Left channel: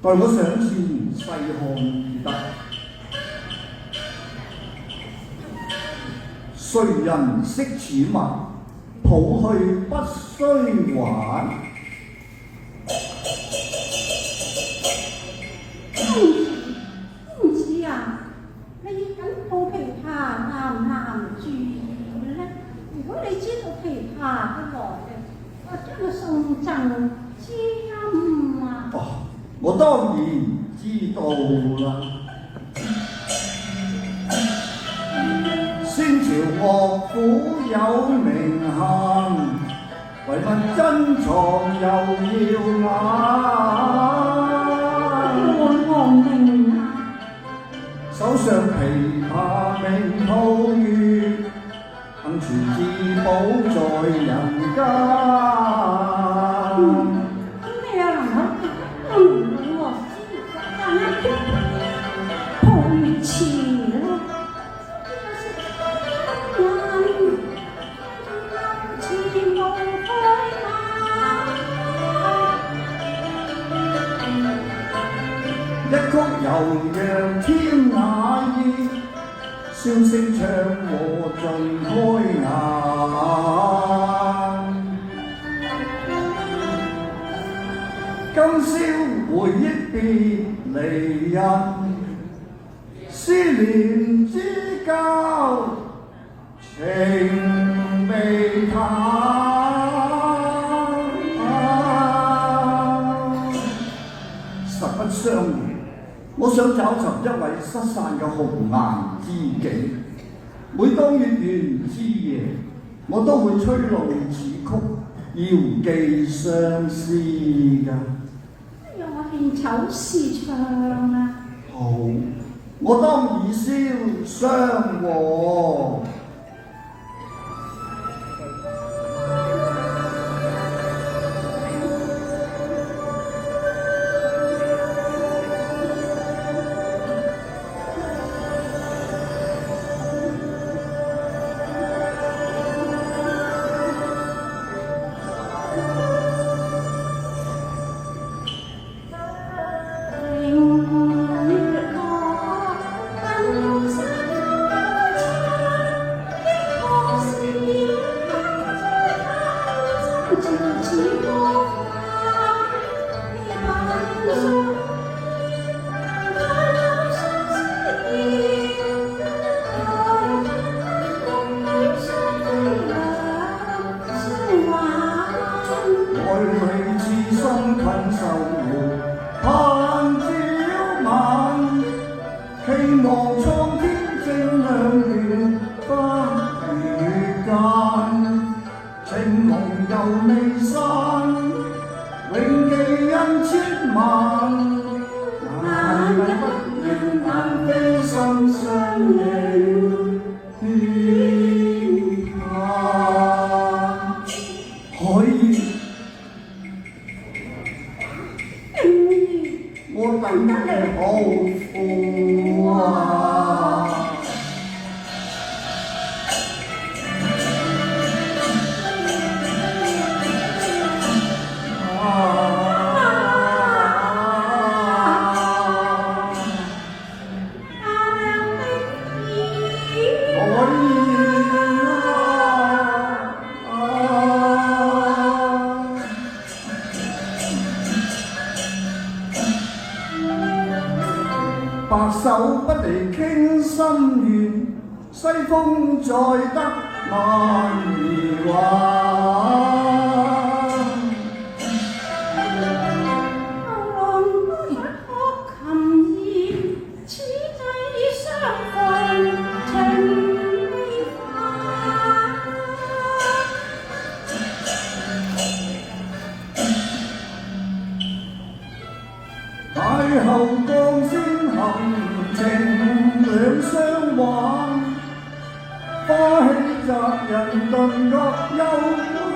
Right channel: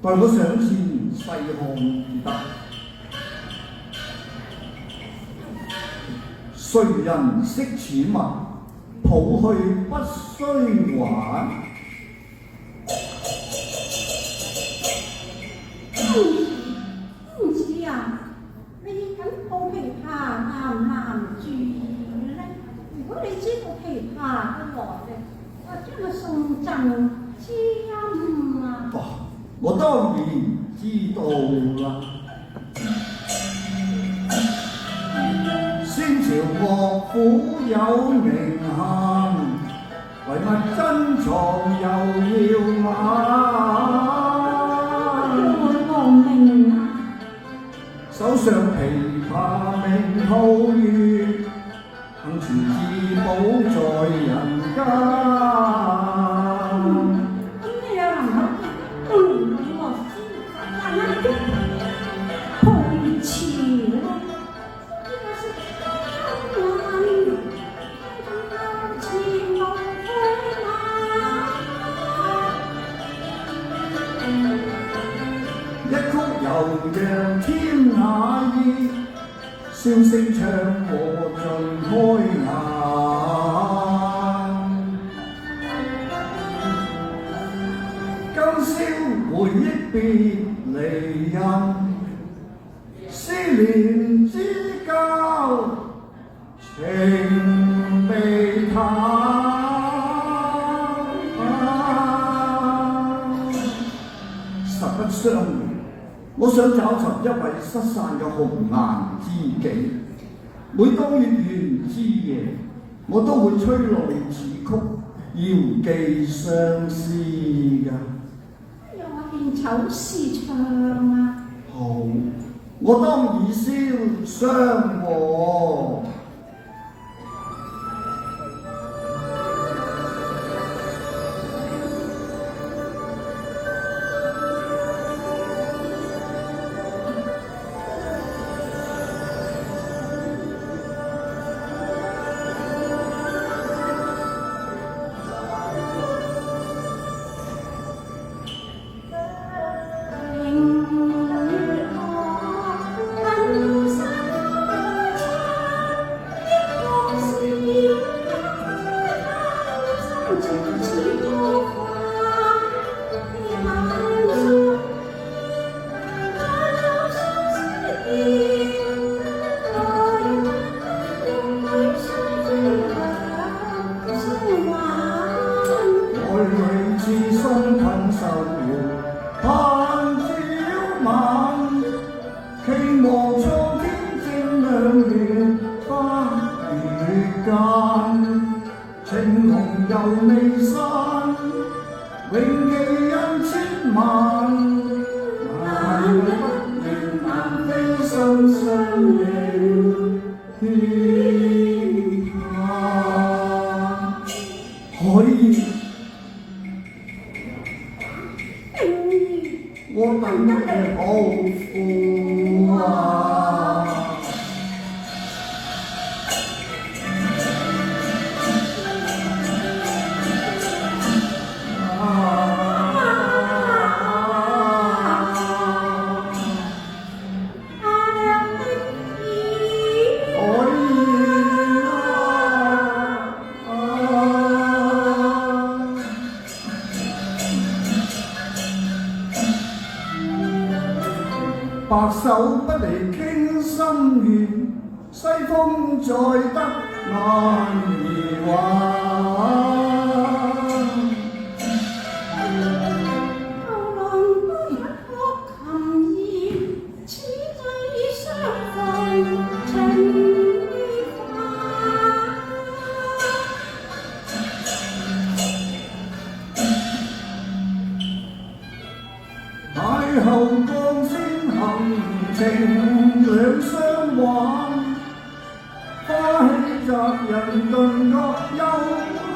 待我上前細看而得，誰人識此物？抱去不須還。公子啊，你緊抱琵琶難唔難住呢？如果你知道琵琶嘅來歷，我將佢送贈知音啊！我當然知道啦。先前樂府有名銜，為乜珍藏又耀我明啊，手上琵琶鳴皓月，幸傳至寶在人間。一曲悠揚天下意，簫聲唱和盡開眼。今宵回憶別離人，思念之交情未淡。實不相瞞，我想找尋一位失散嘅紅顏知己。每當月圓之夜，我都會吹露此曲，遙寄相思㗎。我練丑時唱啊！好，我當以簫相和。希望蒼天正亮月花月間，情濃又未散，永記恩千萬。哪有一願難飛身相認天下。可以，我等你好苦啊！白首不離傾心願，西風再得難兒還。邂逅當先行情兩相挽，花氣襲人頓覺幽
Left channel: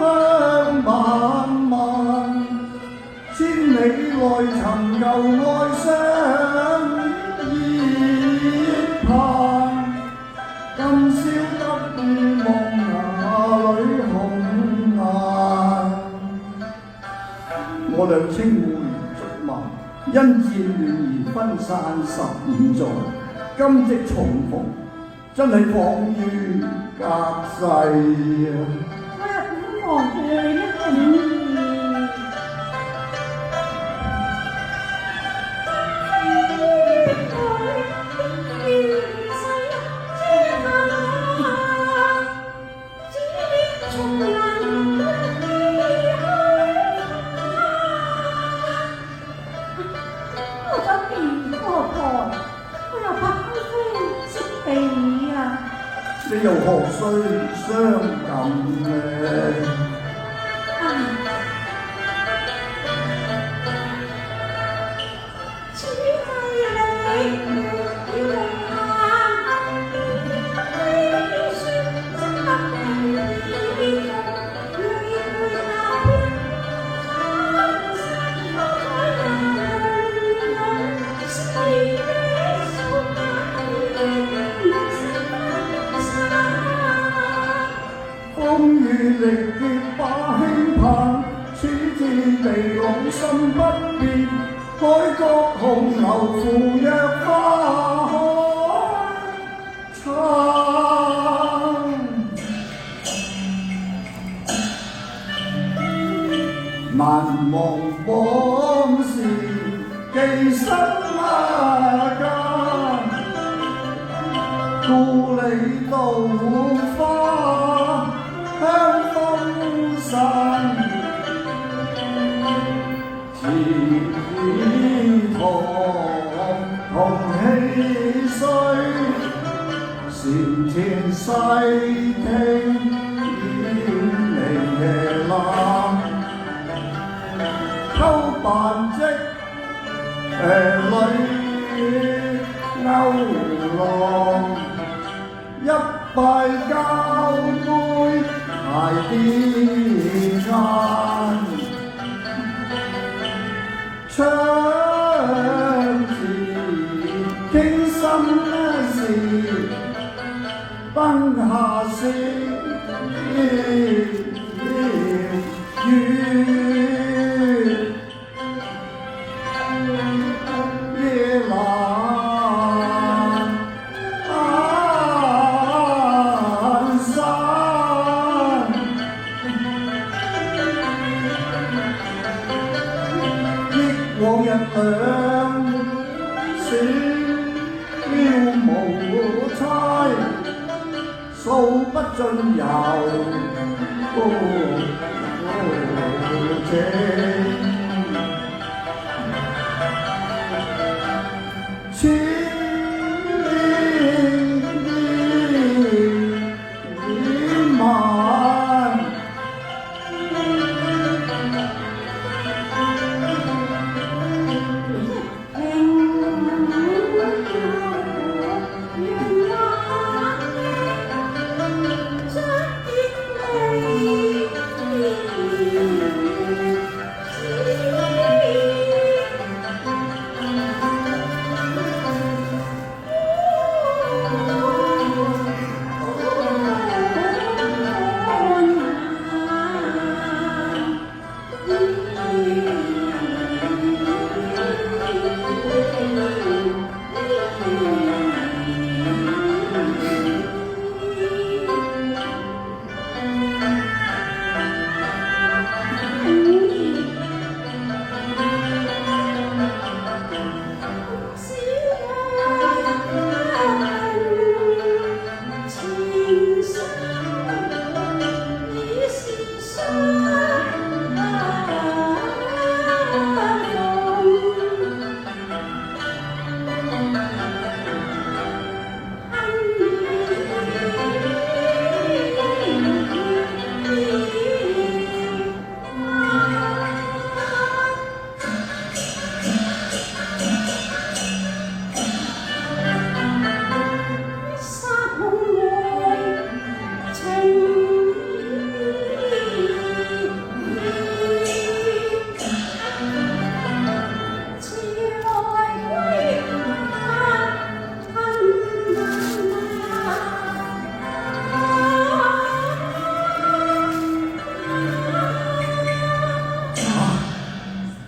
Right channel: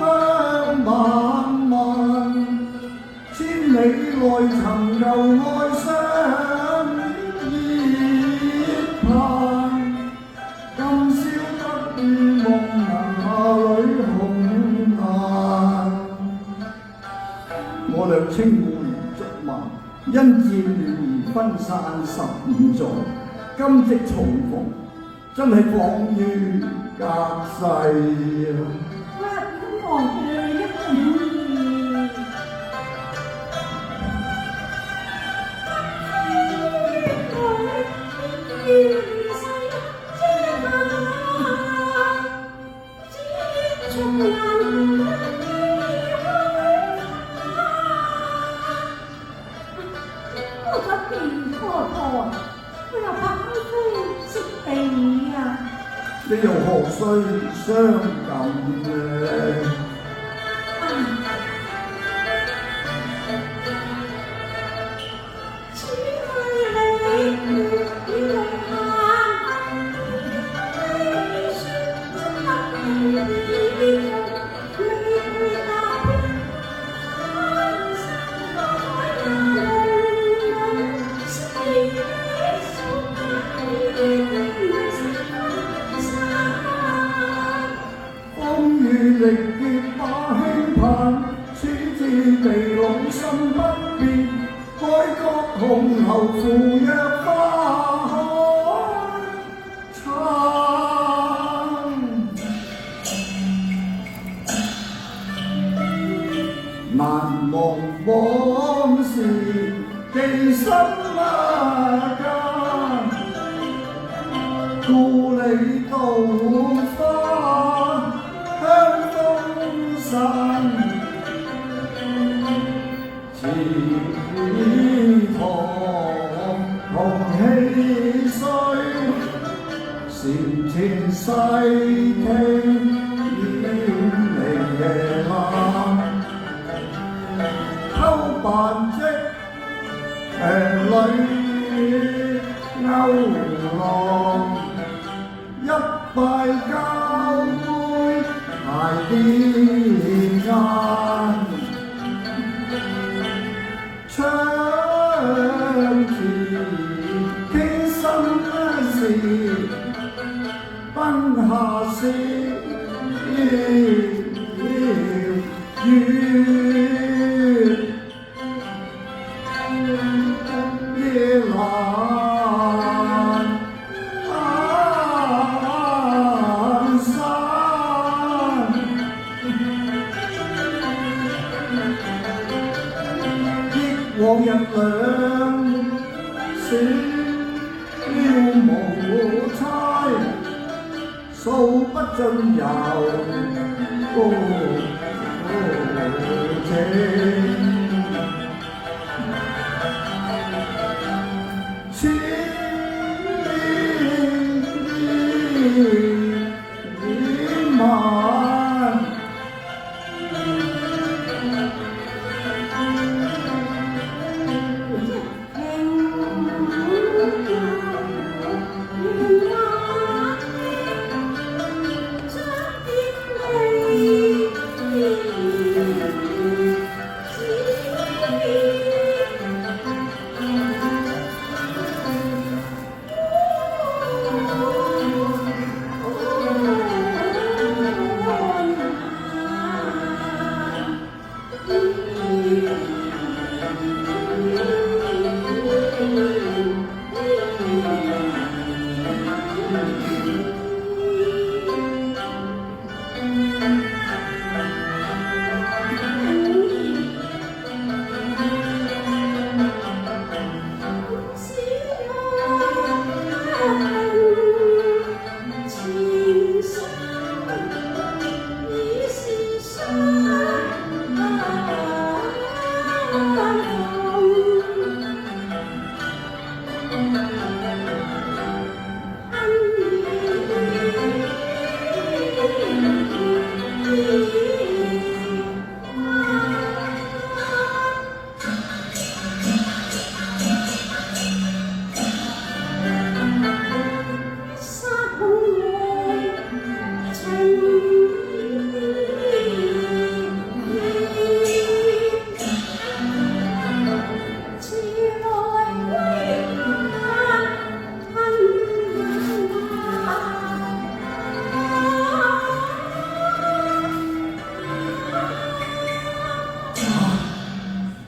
香漫漫，千里外尋遊愛相依盼，今宵不見夢哪裏紅顏。我倆稱呼如竹馬，因戰亂而分散15載，今夕重逢，真係恍如隔世啊！我去一個這又何須相近呢？風雨力竭把輕盼，此戰地老心不變，開國紅牛扶若花開燦，難忘往事記心間，故里稻花香風散，天堂同氣衰，前田細聽遠離夜闌，偷辦織騎女勾浪，一拜交杯挨邊餐，窗前傾心事，燈下笑夜闌散，憶往日兩小無猜，數不盡遊情。千萬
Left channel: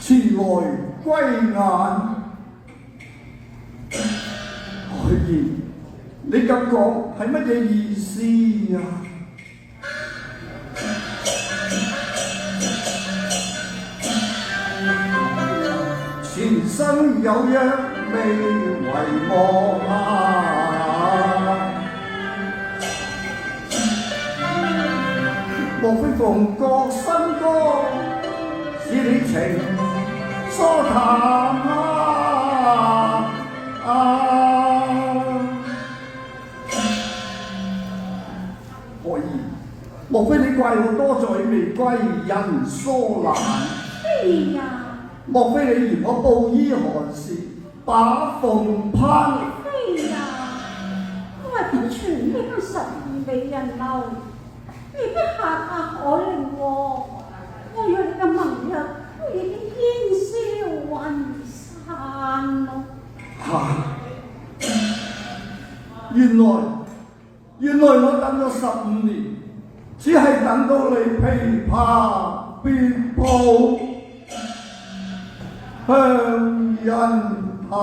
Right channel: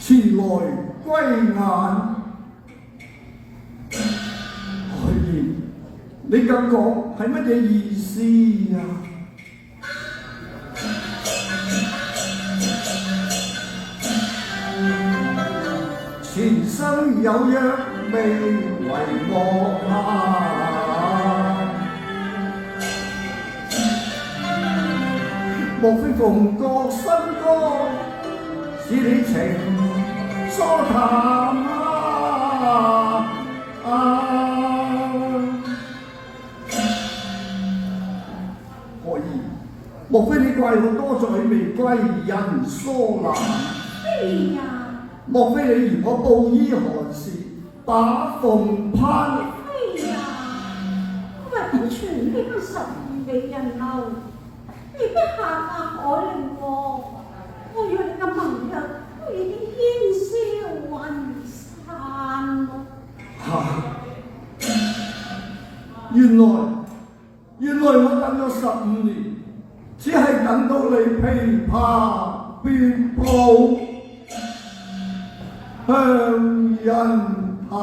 前來歸雁，海燕，你咁講係乜嘢意思啊？前生有約未遺忘啊，莫非鳳閣新歌使你情疏淡啊？何以？莫非你怪我多嘴未歸人疏懶？係呀，莫非你嫌我布衣寒士，把鳳攀？係呀，我話點傳呢個十二美人樓，未必下下可令喎。我約嘅盟約都已經煙消雲散咯。原來我等咗15年，只係等到你琵琶別抱向人彈。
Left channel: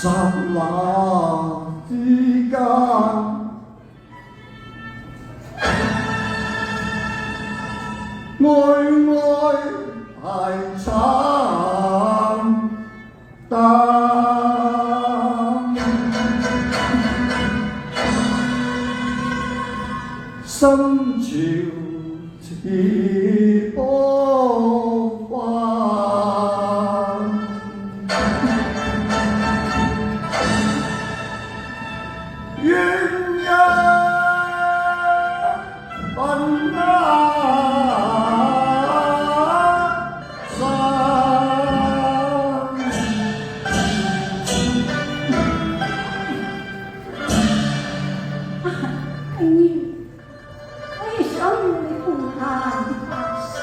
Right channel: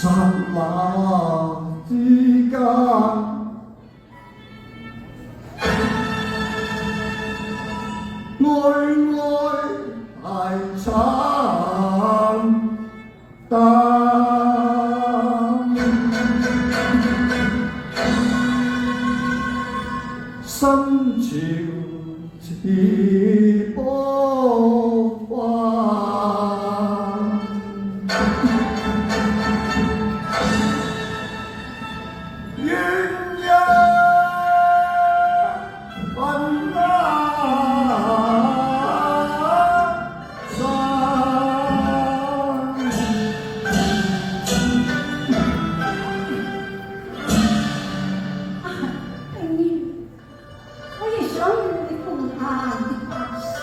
剎那之間，愛太慘淡，心潮似波翻。鸳鸯分間我也想與你共談白首，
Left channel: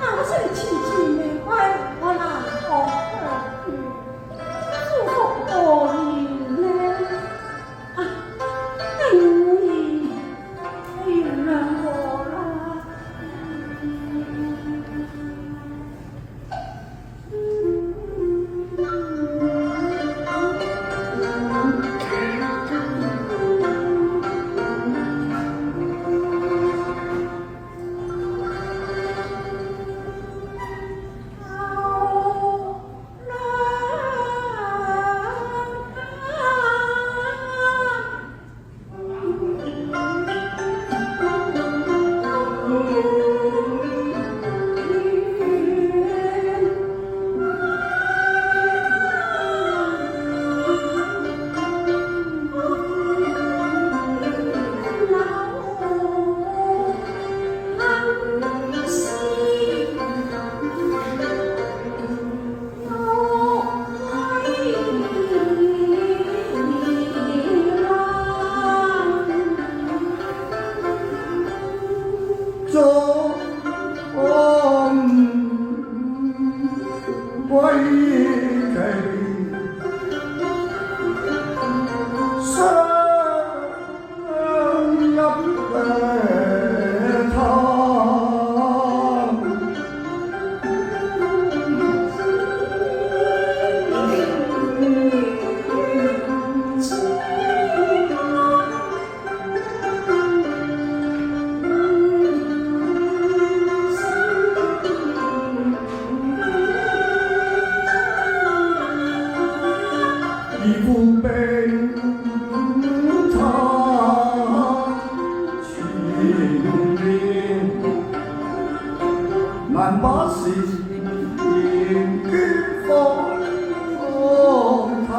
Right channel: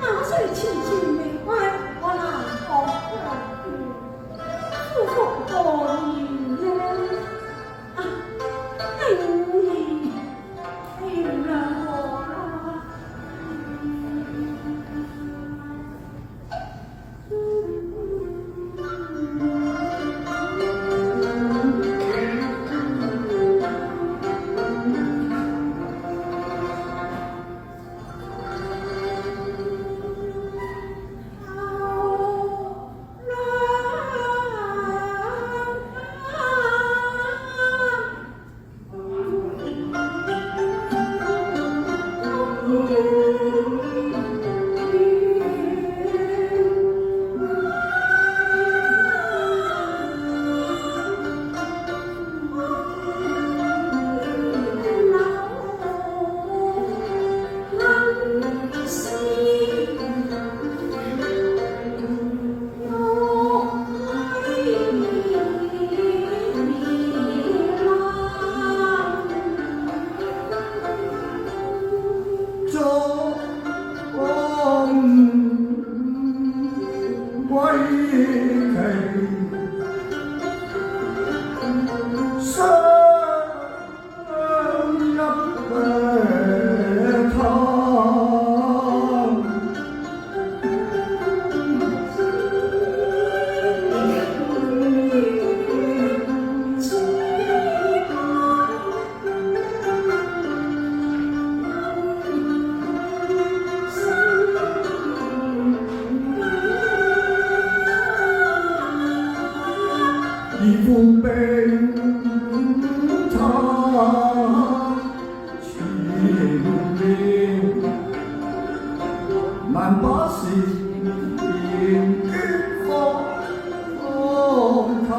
可惜遲遲未歸，我難過去，夫復何年呢？定然原諒我啦。負冰餐前面，難把事言捐放嘆。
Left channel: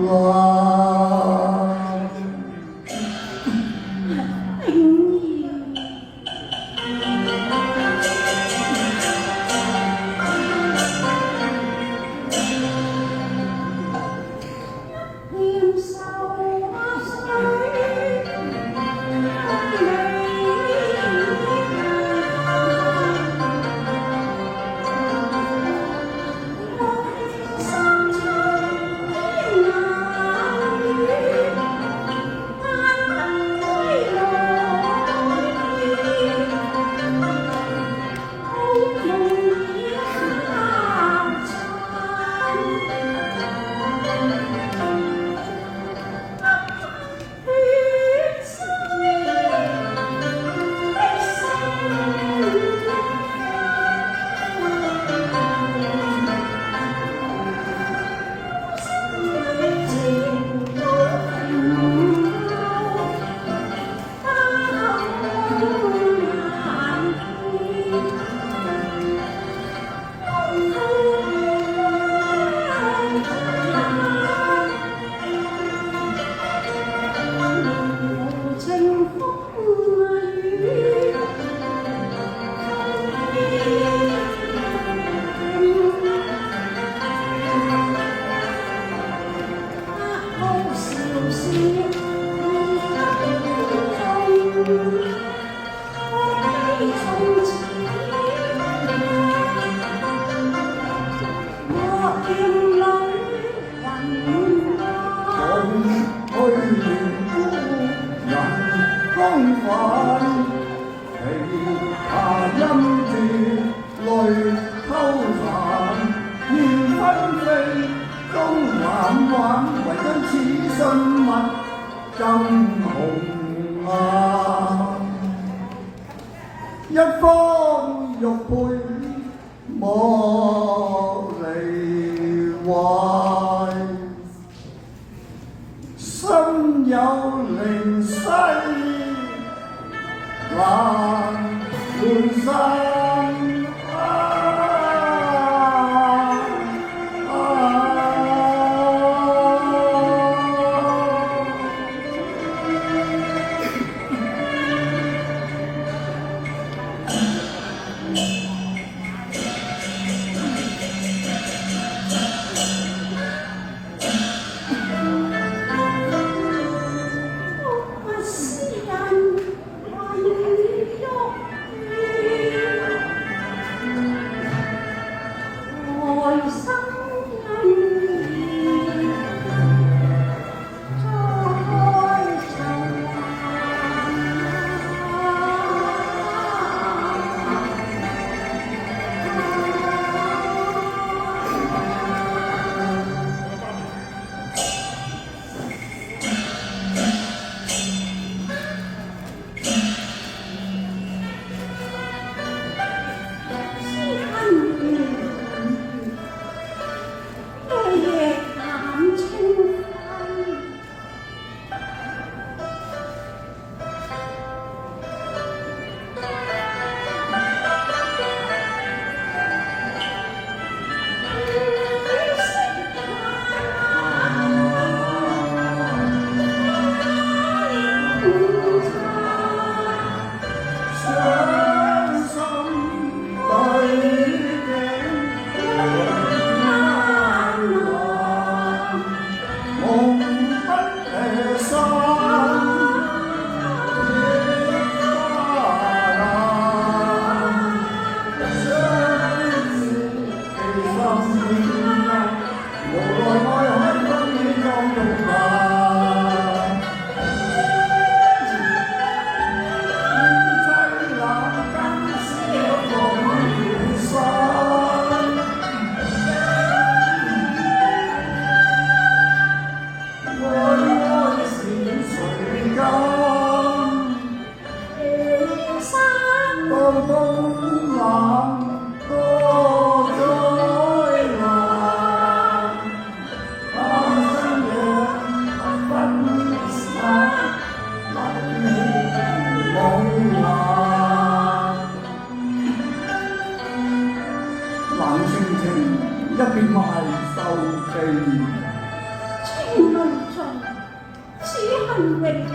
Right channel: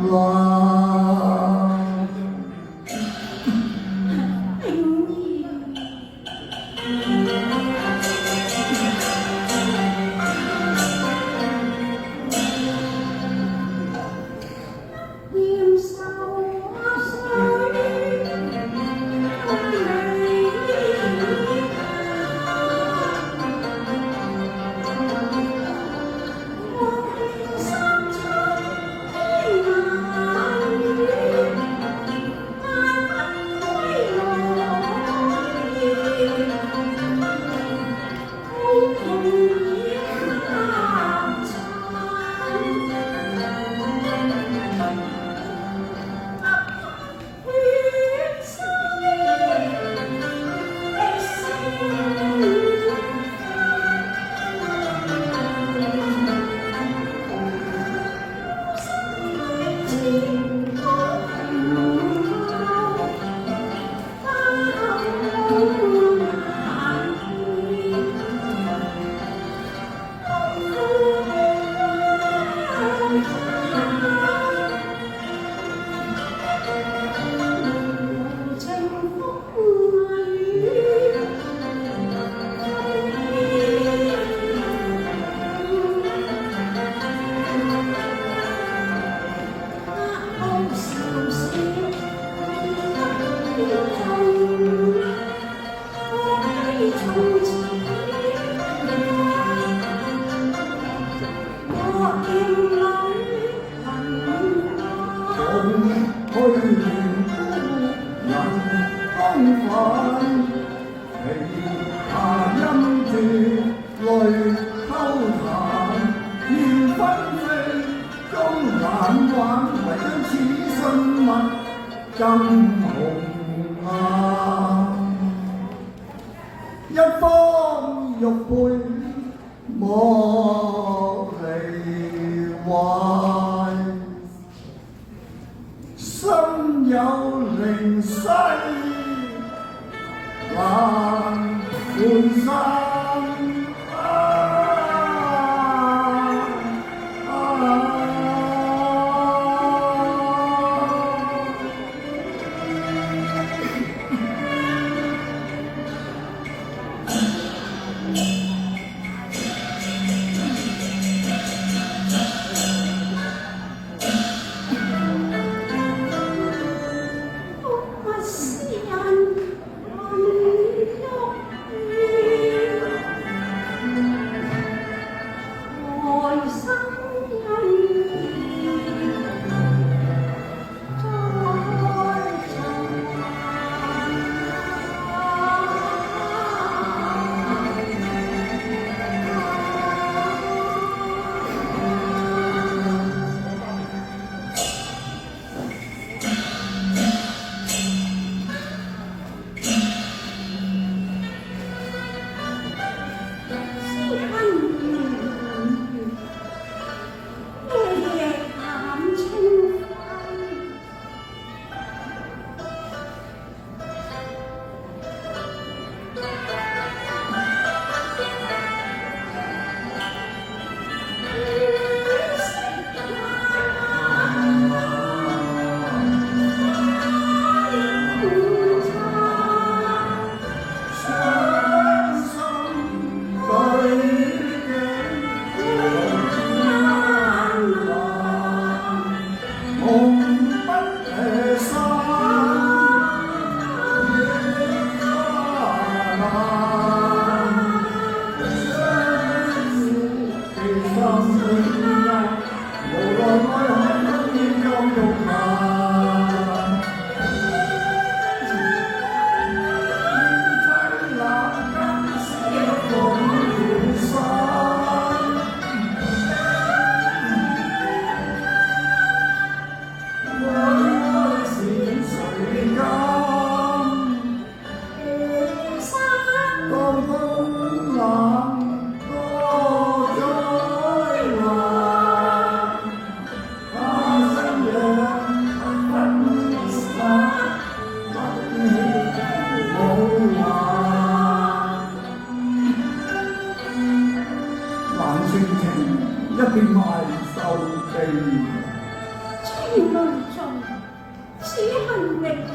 tình yêu đêm sâu say一方玉佩莫離懷，心有靈犀難換生。中，岂很为难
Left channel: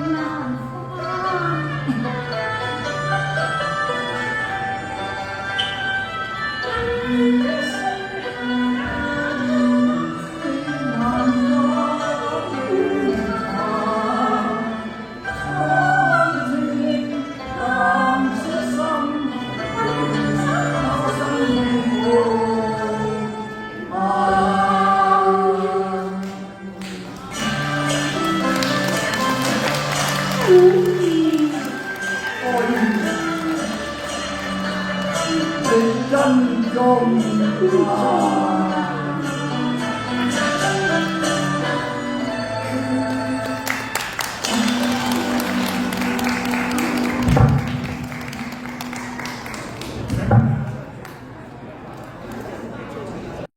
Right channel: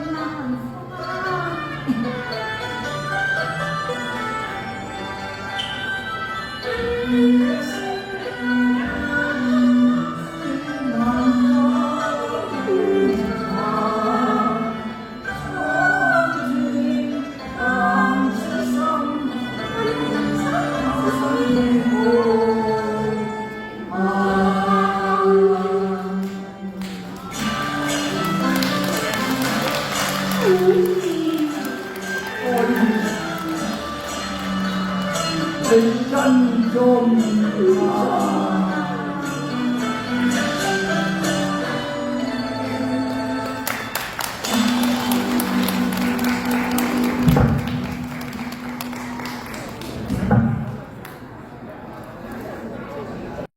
情真中華。